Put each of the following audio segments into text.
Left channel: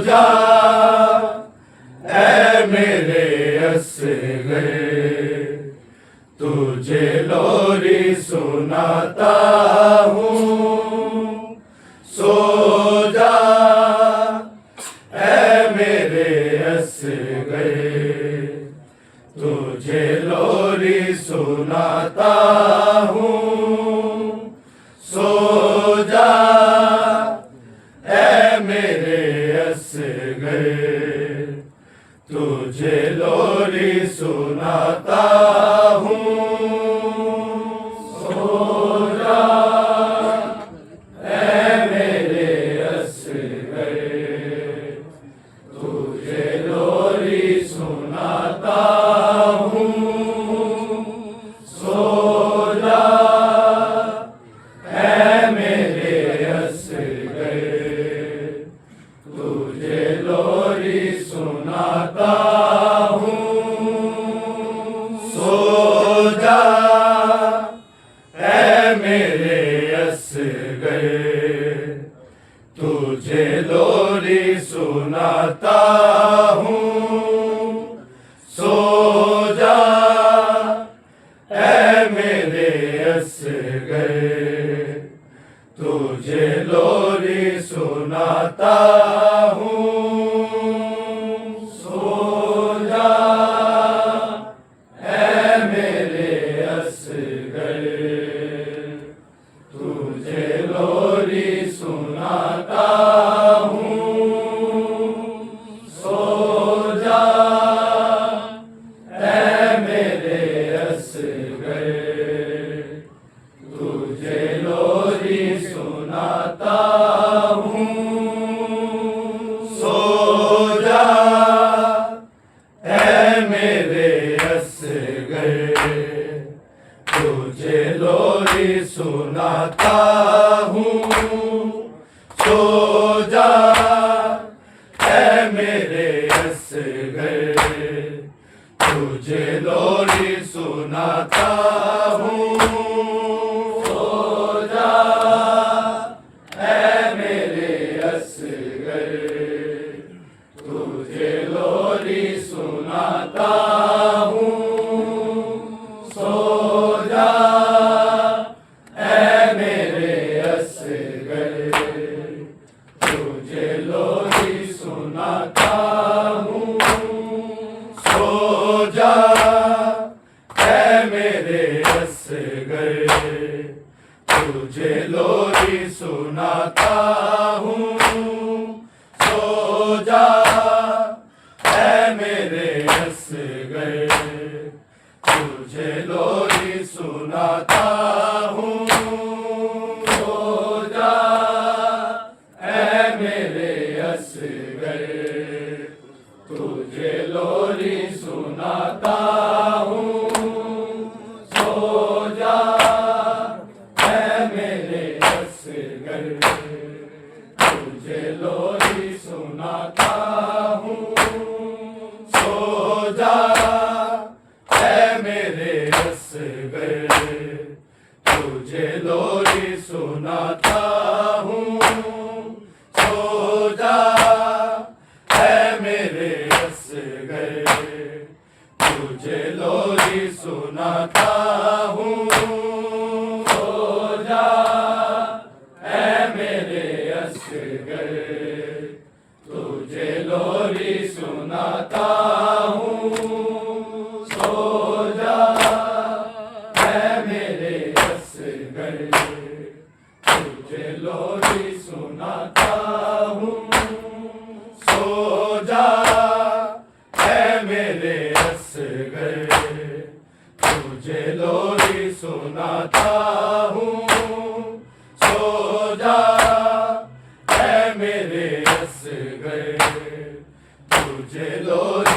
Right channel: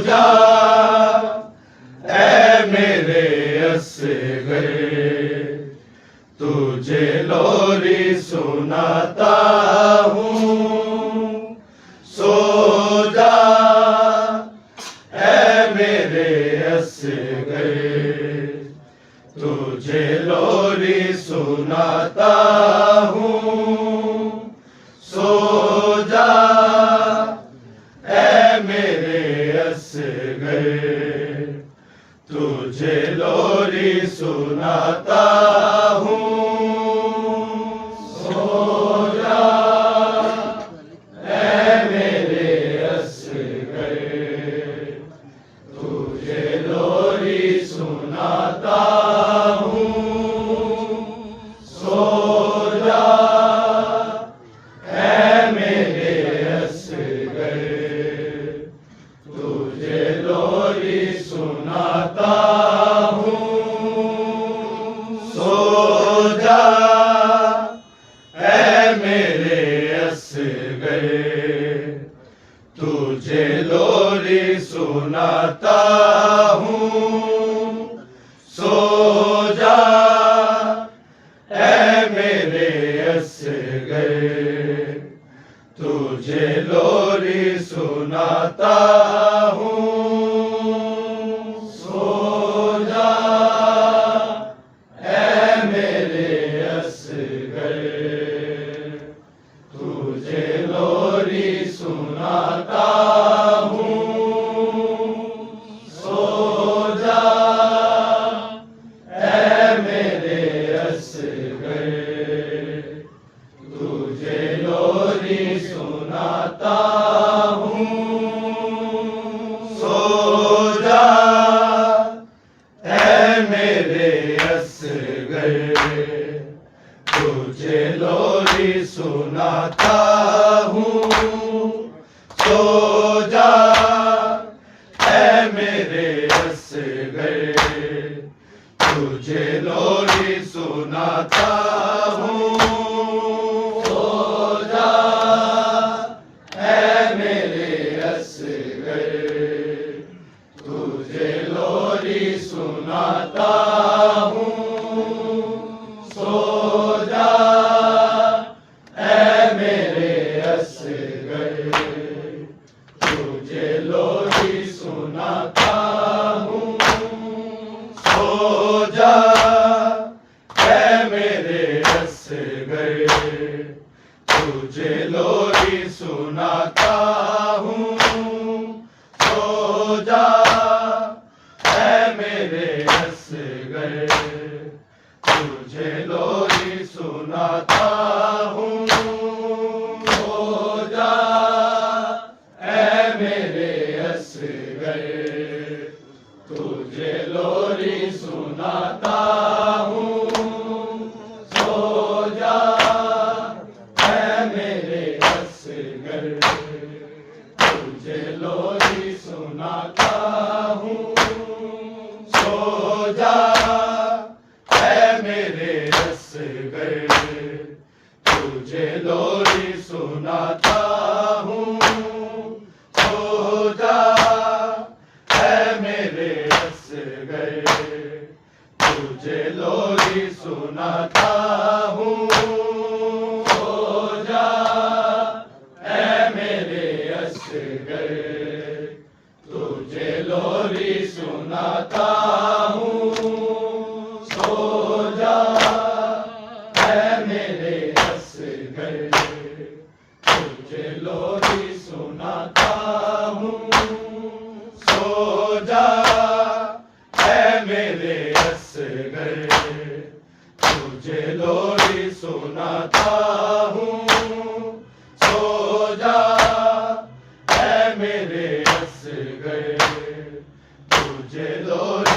जा ऐ मेरे असगर, तुझे लोरी सुनाता हूँ। सो जा ऐ मेरे असगर, तुझे लोरी सुनाता हूँ। सो जा ऐ मेरे असगर, तुझे लोरी सुनाता हूँ। सो जा ऐ मेरे असगर, तुझे लोरी सुनाता हूँ। सो जा ऐ मेरे असगर, तुझे लोरी सुनाता हूँ। सो जा ऐ मेरे असगर, तुझे लोरी सुनाता हूँ। सो जा ऐ मेरे असगर, तुझे लोरी सुनाता हूँ। सो जा ऐ मेरे असगर, तुझे लोरी सुनाता हूँ। सो जा ऐ मेरे असगर, तुझे लोरी सुनाता हूँ। सो जा ऐ मेरे असगर, तुझे लोरी सुनाता हूँ। सो जा ऐ मेरे असगर, तुझे लोरी सुनाता हूँ। सो जा ऐ मेरे असगर, तुझे लोरी सुनाता हूँ। सो जा ऐ मेरे असगर, तुझे लोरी सुनाता हूँ। सो जा ऐ मेरे असगर, तुझे लोरी सुनाता हूँ। सो जा ऐ मेरे असगर, तुझे लोरी सुनाता हूँ। सो जा ऐ मेरे असगर, तुझे लोरी सुनाता हूँ। सो जा ऐ मेरे असगर, तुझे लोरी सुनाता हूँ। सो जा ऐ मेरे असगर, तुझे लोरी सुनाता हूँ। सो जा ऐ मेरे असगर, तुझे लोरी सुनाता हूँ। सो जा ऐ मेरे असगर, तुझे लोरी सुनाता हूँ। सो जा ऐ मेरे असगर, तुझे लोरी सुनाता हूँ। सो जा ऐ मेरे असगर, तुझे लोरी सुनाता हूँ। सो जा ऐ मेरे असगर, तुझे लोरी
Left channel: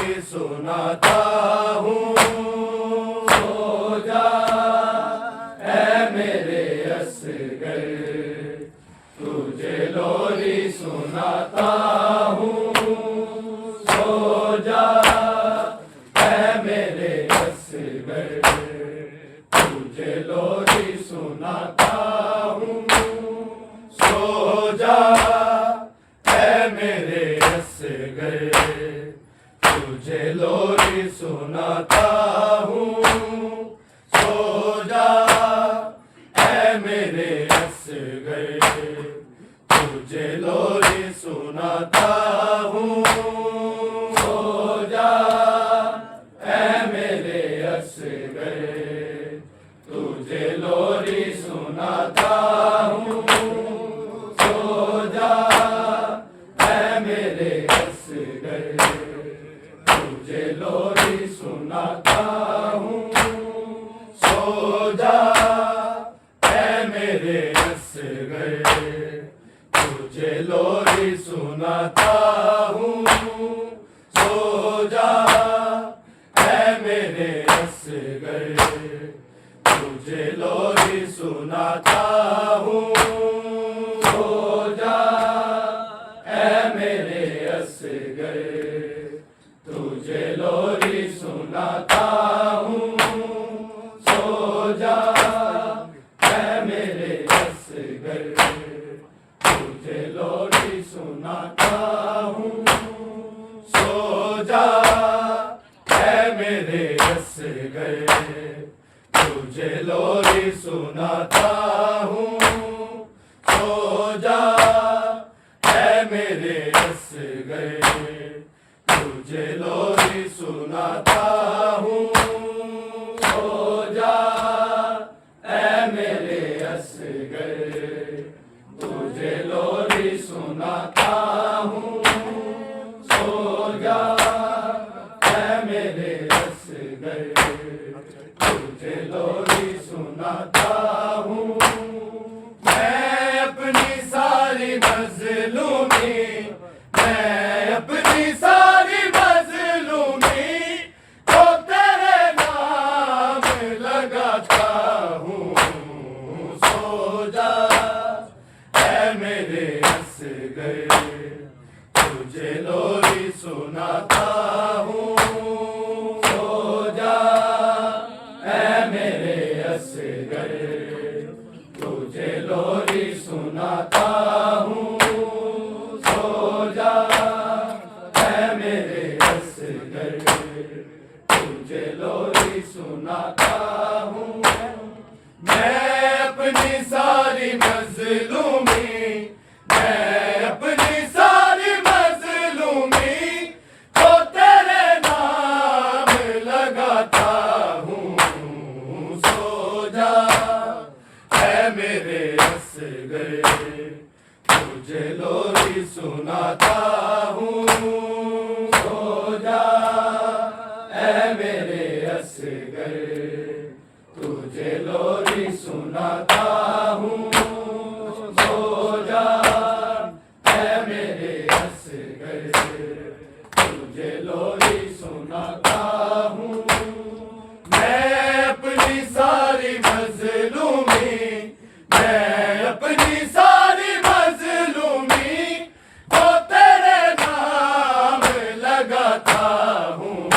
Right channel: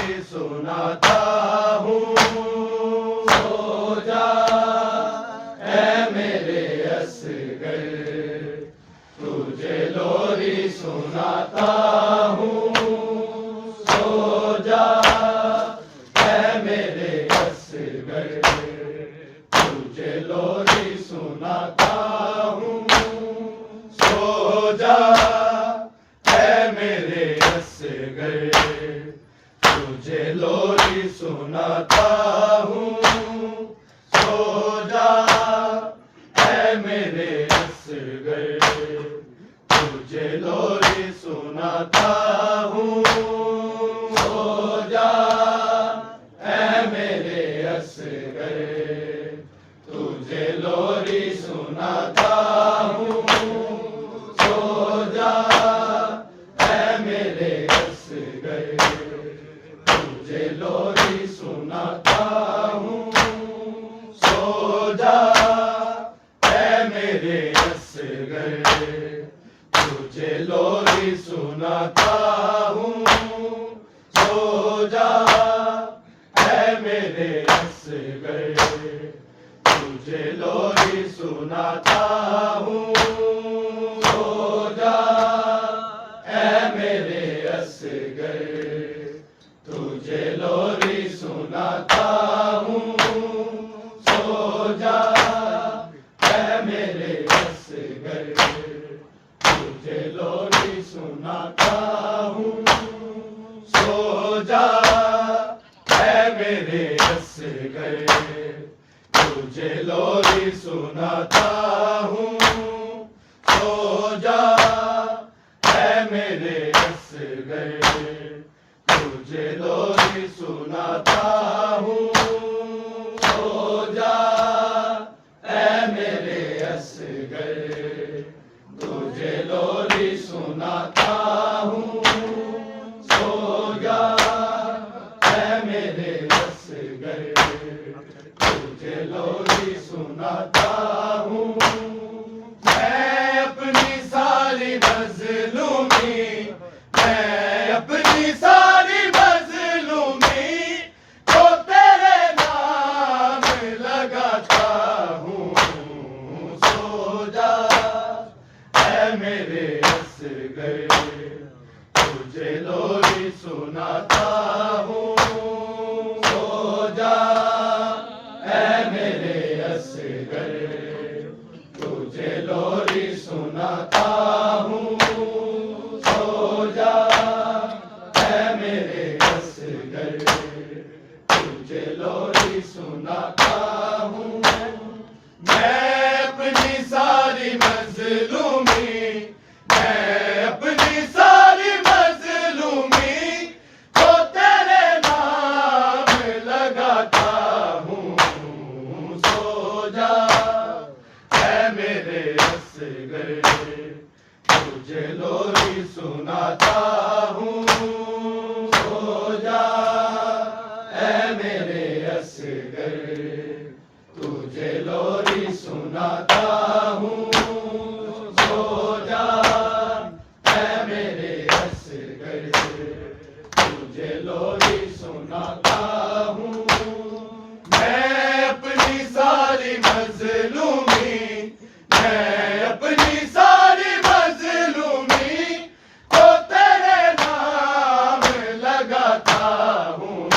लोरी सुनाता हूँ, सो जा ऐ मेरे असगर, तुझे लोरी सुनाता हूँ, सो जा ऐ मेरे असगर, तुझे लोरी सुनाता हूँ, सो जा ऐ मेरे असगर, तुझे लोरी सुनाता हूँ, सो जा ऐ मेरे असगर, तुझे लोरी सुनाता हूँ, सो जा ऐ मेरे असगर, तुझे लोरी सुनाता हूँ, सो जा ऐ मेरे असगर, तुझे लोरी सुनाता हूँ, सो जा ऐ मेरे असगर, तुझे लोरी सुनाता हूँ, सो जा ऐ मेरे असगर, तुझे लोरी सुनाता हूँ, सो जा ऐ मेरे असगर, तुझे लोरी सुनाता हूँ, सो जा ऐ मेरे असगर, तुझे लोरी सुनाता हूँ, सो जा ऐ मेरे असगर, तुझे लोरी सुनाता हूँ। मैं अपनी सारी मजलूमी, मैं अपनी सारी मजलूमी को तेरे नाम लगाता हूँ, सो जा ऐ मेरे असगर, तुझे लोरी सुनाता हूँ, सो जा ऐ मेरे असगर, तुझे लोरी सुनाता हूँ, सो जा ऐ मेरे असगर, तुझे लोरी सुनाता हूँ। मैं अपनी सारी मजलूमी, मैं अपनी सारी मजलूमी को तेरे नाम लगाता हूँ, सो जा ऐ मेरे असगर, तुझे लोरी सुनाता हूँ, सो जा ऐ मेरे असगर, तुझे लोरी सुनाता हूँ, सो जा ऐ मेरे असगर, तुझे लोरी सुनाता हूँ। मैं अपनी सारी मजलूमी, मैं अपनी सारी मजलूमी को तेरे नाम लगाता हूँ,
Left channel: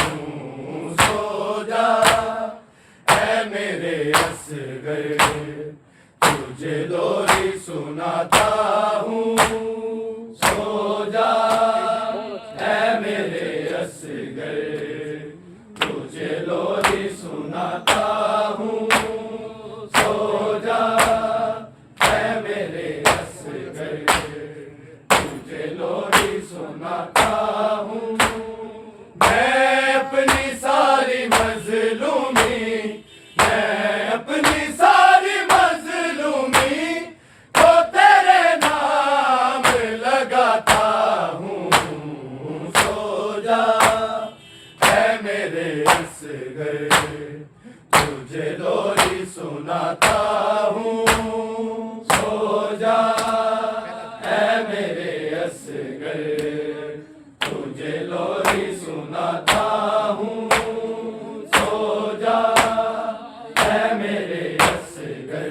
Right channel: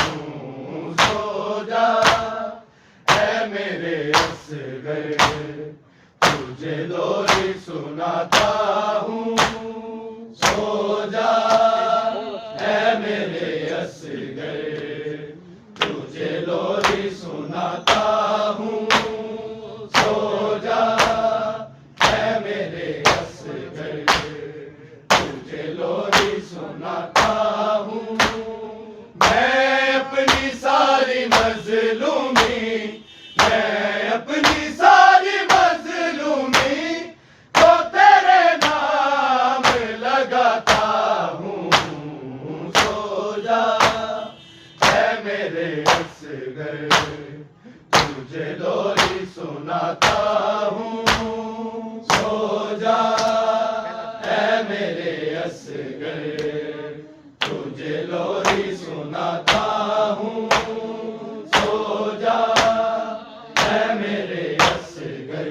सो जा ऐ मेरे असगर, तुझे लोरी सुनाता हूँ, सो जा ऐ मेरे असगर, तुझे लोरी सुनाता हूँ, सो जा ऐ मेरे असगर, तुझे लोरी सुनाता हूँ। मैं अपनी सारी मजलूमी, मैं अपनी सारी मजलूमी को तेरे नाम लगाता हूँ, सो जा ऐ मेरे असगर, तुझे लोरी सुनाता हूँ, सो जा ऐ मेरे असगर, तुझे लोरी सुनाता हूँ, सो जा ऐ मेरे असगर,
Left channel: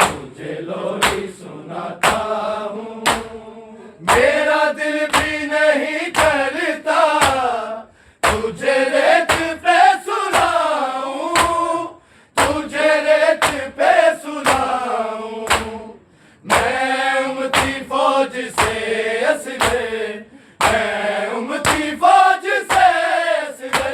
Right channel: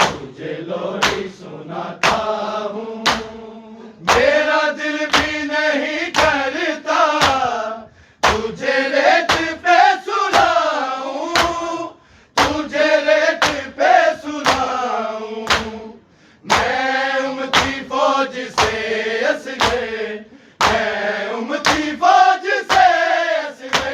तुझे लोरी सुनाता हूँ। मेरा दिल भी नहीं करता तुझे रेत पे सुलाऊं, तुझे रेत पे सुलाऊं। मैं उमती फौज से असगर, मैं उमती फौज से असगर,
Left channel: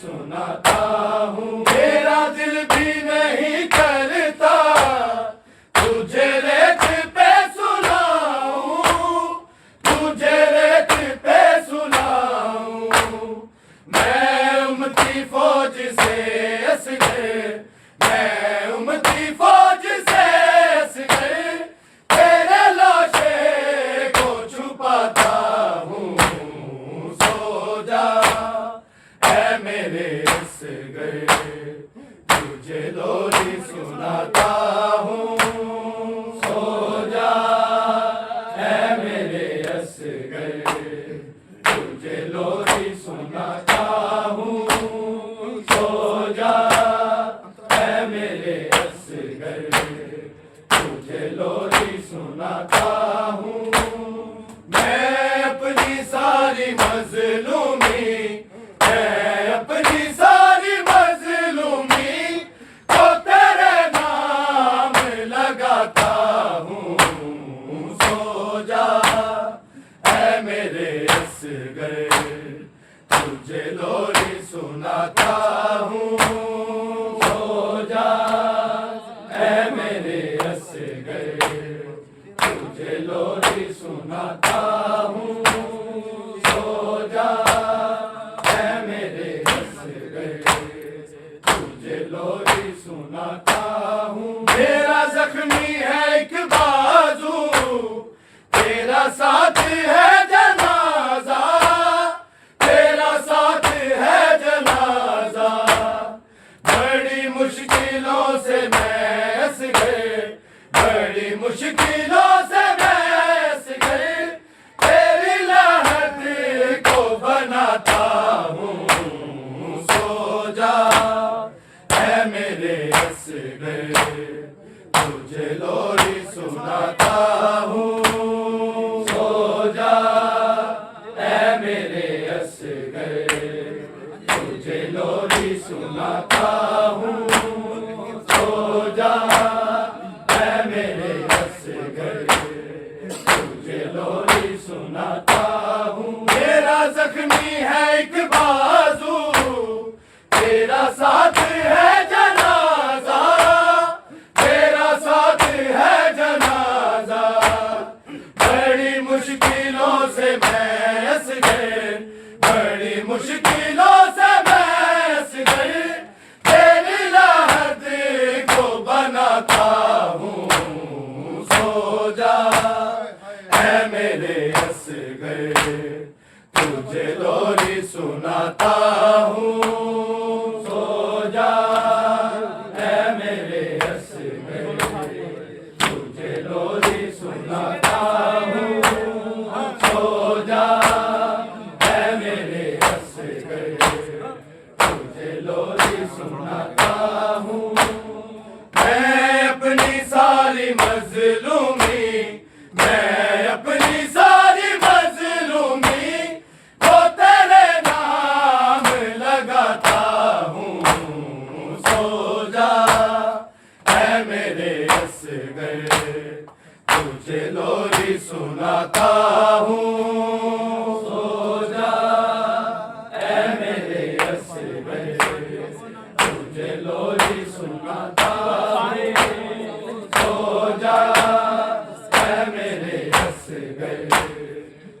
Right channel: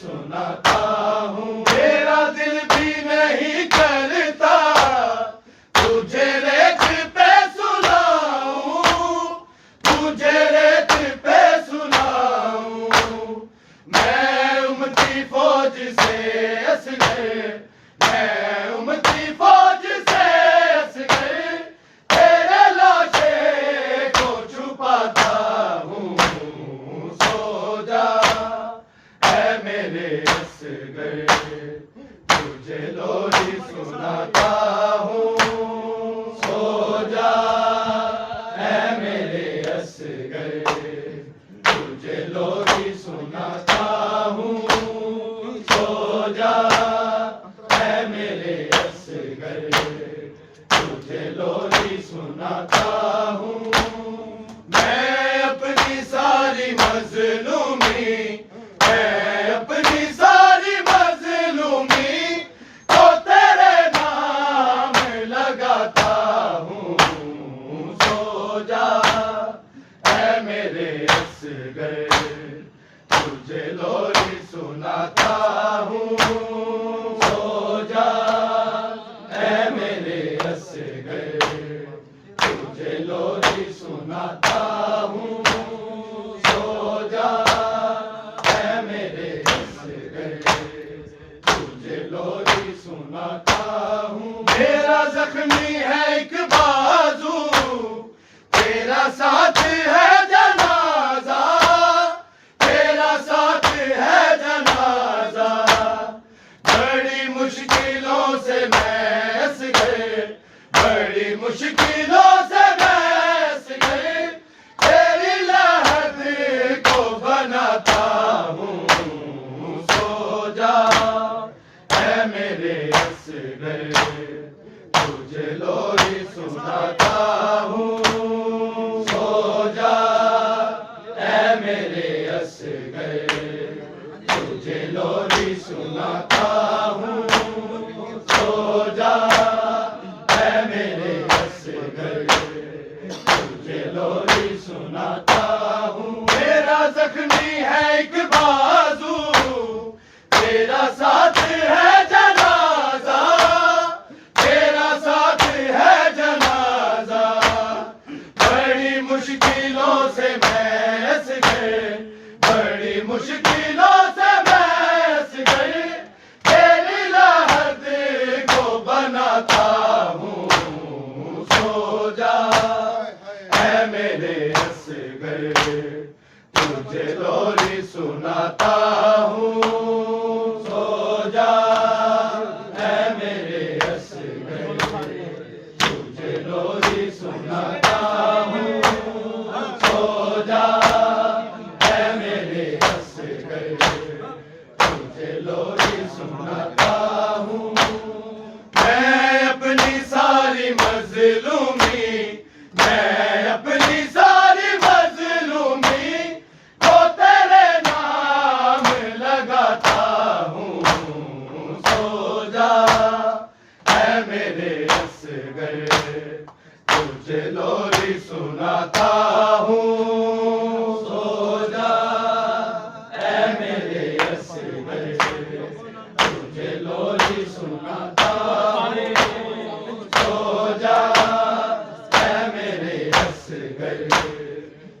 सुनाता हूँ। मेरा दिल भी नहीं करता तुझे रेत पे सुनाऊं, तुझे रेत पे सुनाऊं। मैं उमती फौज से असगर, मैं उमती फौज से असगर तेरे लाशे को छुपाता हूँ। सो जा ऐ मेरे असगर, तुझे लोरी सुनाता हूँ। सो जा ऐ मेरे असगर, तुझे लोरी सुनाता हूँ। सो जा ऐ मेरे असगर, तुझे लोरी सुनाता हूँ। मैं अपनी सारी मजलूमी, मैं अपनी सारी मजलूमी को तेरे नाम लगाता हूँ। सो जा ऐ मेरे असगर, तुझे लोरी सुनाता हूँ। सो जा ऐ मेरे असगर, तुझे लोरी सुनाता हूँ। सो जा ऐ मेरे असगर, तुझे लोरी सुनाता हूँ। मेरा जख्मी है एक बाजू, तेरा साथ है जनाजा, तेरा साथ है जनाजा। बड़ी मुश्किलों से मैं असगर, बड़ी मुश्किलों से मैं असगर तेरी लहद को बनाता हूँ। सो जा ऐ मेरे असगर, तुझे लोरी सुनाता हूँ। सो जा ऐ मेरे असगर, तुझे लोरी सुनाता हूँ। सो जा ऐ मेरे असगर, तुझे लोरी सुनाता हूँ। मेरा जख्मी है एक बाजू, तेरा साथ है जनाजा, तेरा साथ है जनाजा। बड़ी मुश्किलों से मैं असगर, बड़ी मुश्किलों से मैं असगर तेरी लहद को बनाता हूँ। सो जा ऐ मेरे असगर, तुझे लोरी सुनाता हूँ। सो जा ऐ मेरे असगर, तुझे लोरी सुनाता हूँ। सो जा ऐ मेरे असगर, तुझे लोरी सुनाता हूँ। मैं अपनी सारी मजलूमी, मैं अपनी सारी मजलूमी को तेरे नाम लगाता हूँ। सो जा ऐ मेरे असगर, तुझे लोरी सुनाता हूँ। सो जा ऐ मेरे असगर, तुझे लोरी सुनाता हूँ। सो जा ऐ मेरे असगर,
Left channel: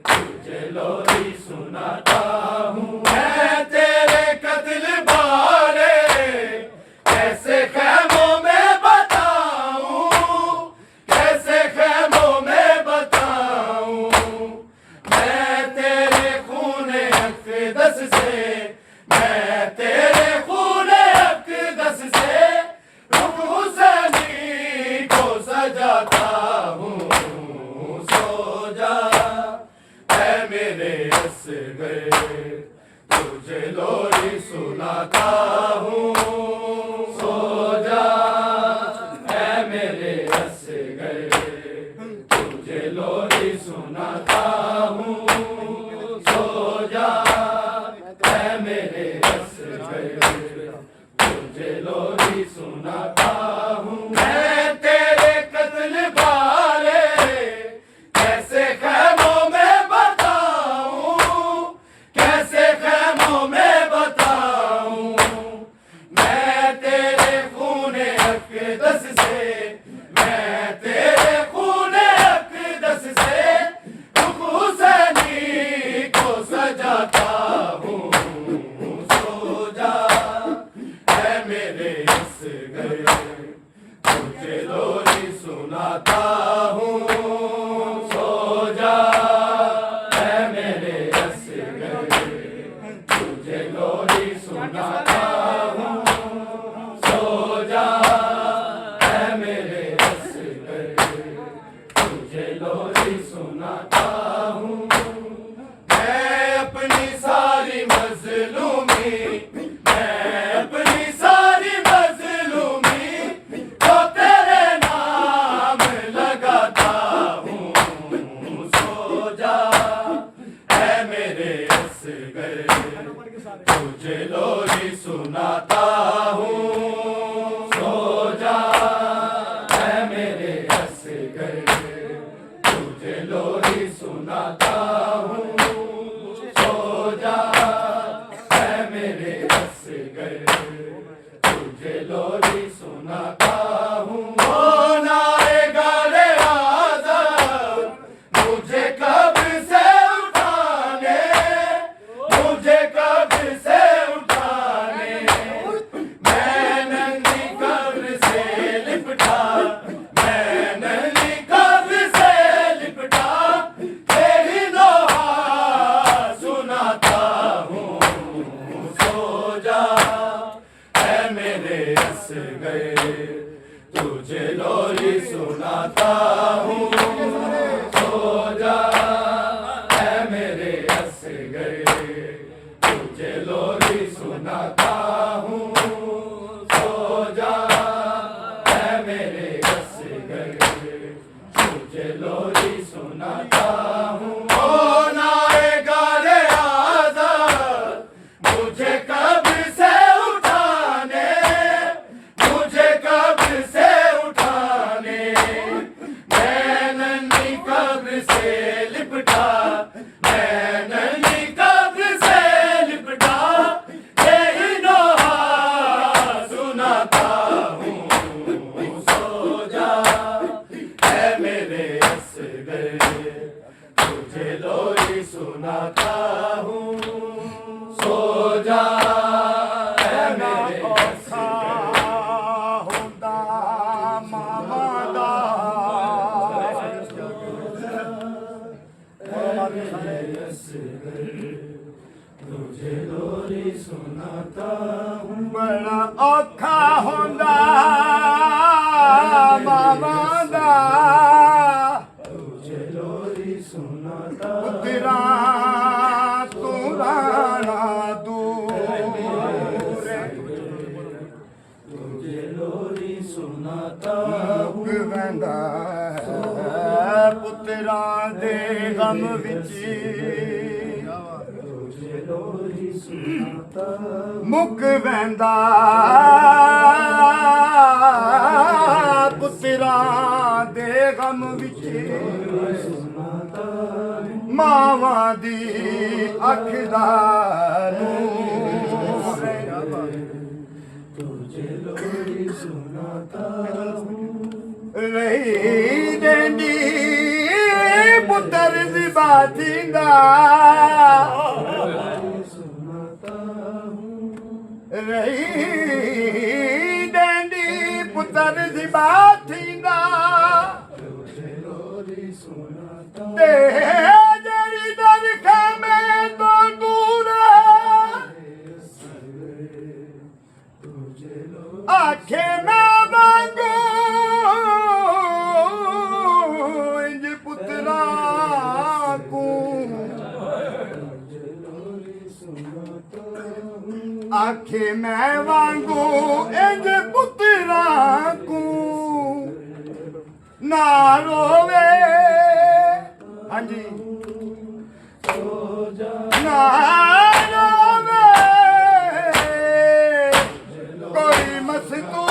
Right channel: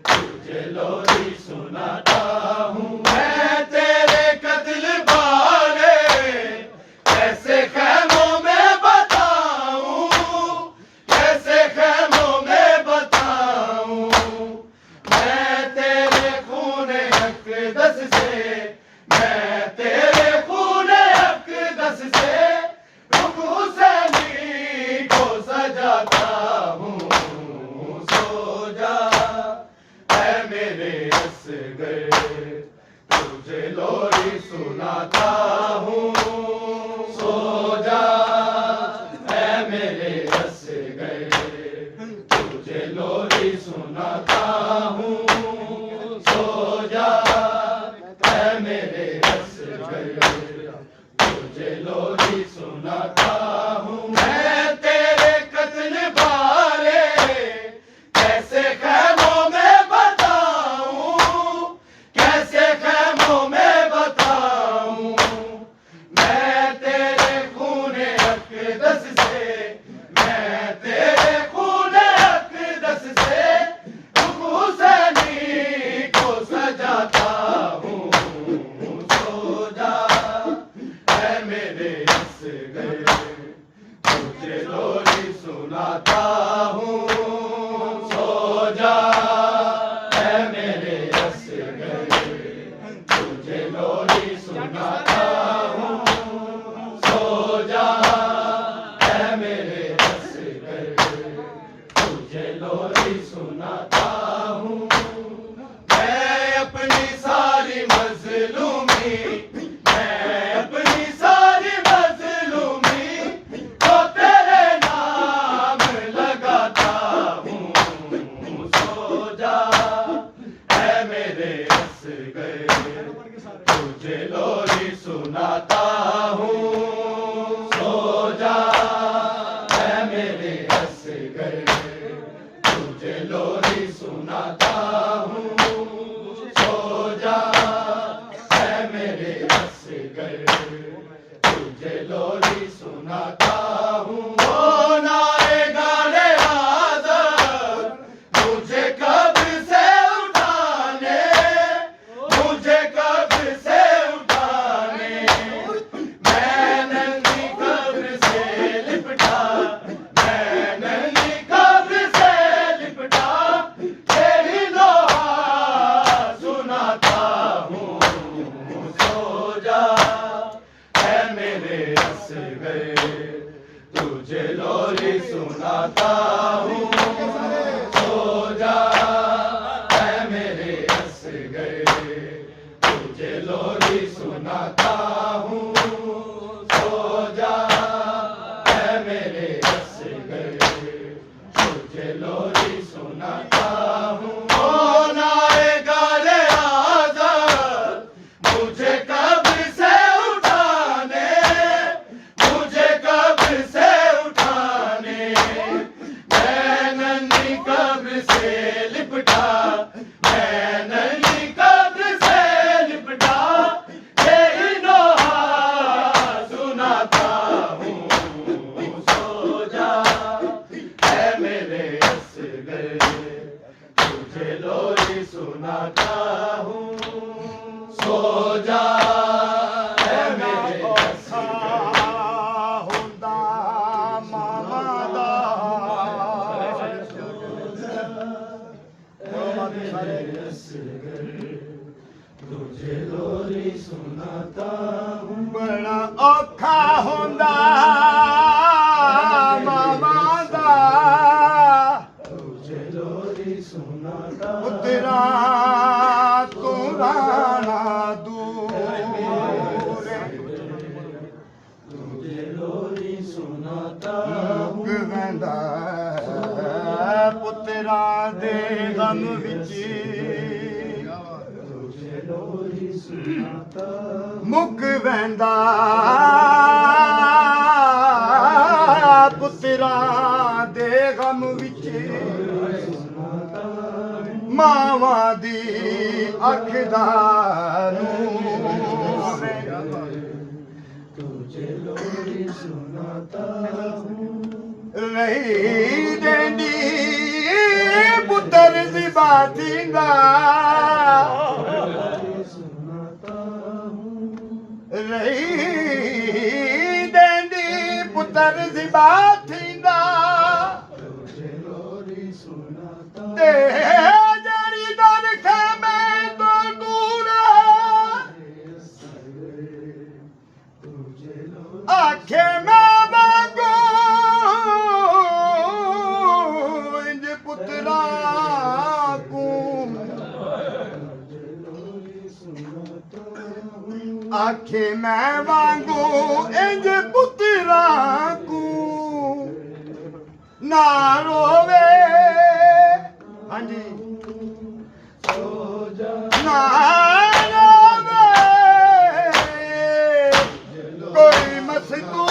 तुझे लोरी सुनाता हूँ। मैं तेरे कत्ल बारे कैसे खैमों में बताऊं, कैसे खैमों में बताऊं। मैं तेरे खूने अक़दस से, मैं तेरे खूने अक़दस से रुख हुसैनी को सजाता हूँ। सो जा ऐ मेरे असगर, तुझे लोरी सुनाता हूँ। सो जा ऐ मेरे असगर, तुझे लोरी सुनाता हूँ। सो जा ऐ मेरे असगर, तुझे लोरी सुनाता हूँ। मैं तेरे कत्ल बारे कैसे खैमों में बताऊं, कैसे खैमों में बताऊं। सुनाता हूँ सो जा है मेरे असगर तुझे लोरी सुनाता हूँ मैं अपनी सारी मजलूमी मैं अपनी सारी मजलूमी तो तेरे नाम लगाता हूँ सो जा है मेरे असगर तुझे लोरी सुनाता हूँ सो जा है मेरे असगर तुझे लोरी सुनाता हूँ सो जा है मेरे असगर तुझे लोरी सुनाता हूँ ओ नारे गाड़े आज़ाद मुझे कब्र से उठाने मुझे कब्र से उठाने मैं नंगी कब्र से लिपटा मैं नंगी कब्र से लिपटा तेरी लोहा सुनाता हूँ सो जा है मेरे असगर तुझे लोरी सुनाता हूँ सो जा है मेरे असगर तुझे लोरी सुनाता हूँ सो जा है मेरे असगर तुझे लोरी सुनाता हूँ ओ नारे गारे आज़ाद मुझे कब्र से उठाने मुझे कब्र से उठाने मैं नन्ही कब्र से लिपटा मैं नन्ही कब्र से लिपटा यही नोहा सुनाता हूँ सो जा है मेरे असगर तुझे लोरी सुनाता हूँ सो जा है मेरे असगर ਹੁੰਦਾ ਮਾਮਾ ਦਾ तुझे लोरी सुनाता हूँ ਬੜਾ ਔਖਾ ਹੁੰਦਾ ਮਾਮਾ ਦਾ तुझे लोरी सुनाता ਪੁੱਤਰਾ ਤੂੰ ਰਾਣਾ ਦੂਰ तुझे लोरी सुनाता ਮੁੱਕ ਵੈਂਦਾ ਹੈ ਪੁੱਤਰਾ ਦੇ ਗਮ ਵਿੱਚ तुझे लोरी सुनाता ਮੁੱਕ ਵੈਂਦਾ ਪੁੱਤਰਾ ਦੇ ਗਮ ਵਿੱਚ ਮਾਵਾਂ ਦੀ ਅੱਖ ਦਾ ਨੂਰ तुझे लोरी सुनाता ਰਹੀ ਦੇਂਦੀ ਪੁੱਤਰ ਦੀ ਬਾਤੀ ਦਾ ਰਹੀ ਦੇਂਦੀ ਪੁੱਤਰ ਦੀ ਬਾਤੀ ਦਾ तुझे लोरी सुनाता ਤੇ ਜਿਹੜੀ ਦਰ ਖੈਮੇ ਤੋਂ ਦੂਰ तुझे लोरी ਆਖੇ ਮੈਂ ਵਾਂਗੂ ਇੰਜ ਪੁੱਤਰਾ ਕੋ ਆਖੇ ਮੈਂ ਵਾਂਗੂ ਇੰਜ ਪੁੱਤਰਾ ਕੋ ਨਾ ਰੋਵੇ ਹਾਂਜੀ ਨਾ ਰੋਵੇ कोई मस्तू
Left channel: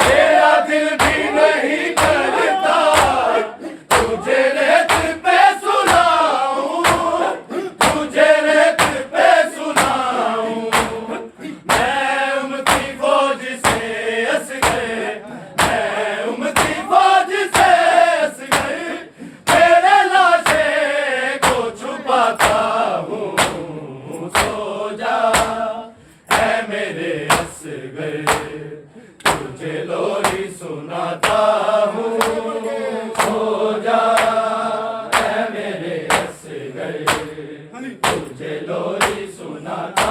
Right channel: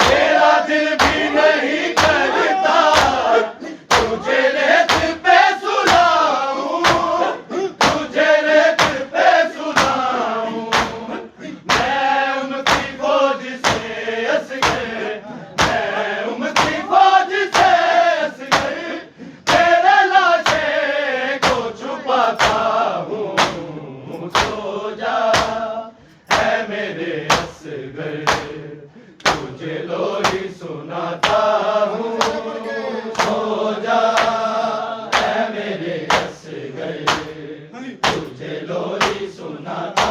तेरा दिल भी नहीं करता तुझे रेत पे सुलाऊं तुझे रेत पे सुलाऊं मैं उमती फौज से असगर मैं उमती फौज से असगर तेरे लाशे को छुपाता हूँ सो जा है मेरे असगर तुझे लोरी सुनाता हूँ सो जा है मेरे असगर तुझे लोरी सुनाता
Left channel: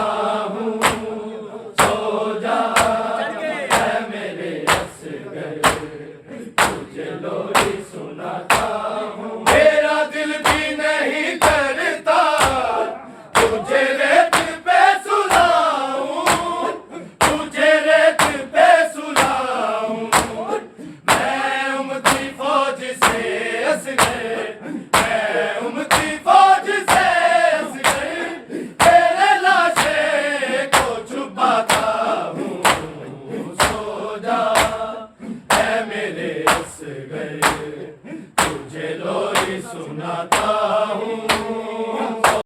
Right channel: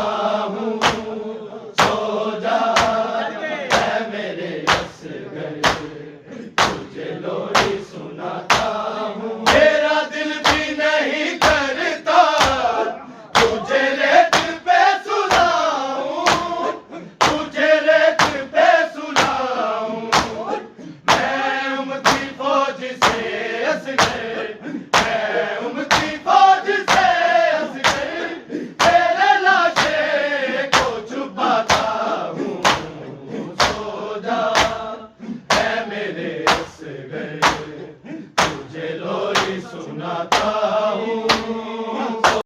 गए तुझे लोरी सुनाता हूँ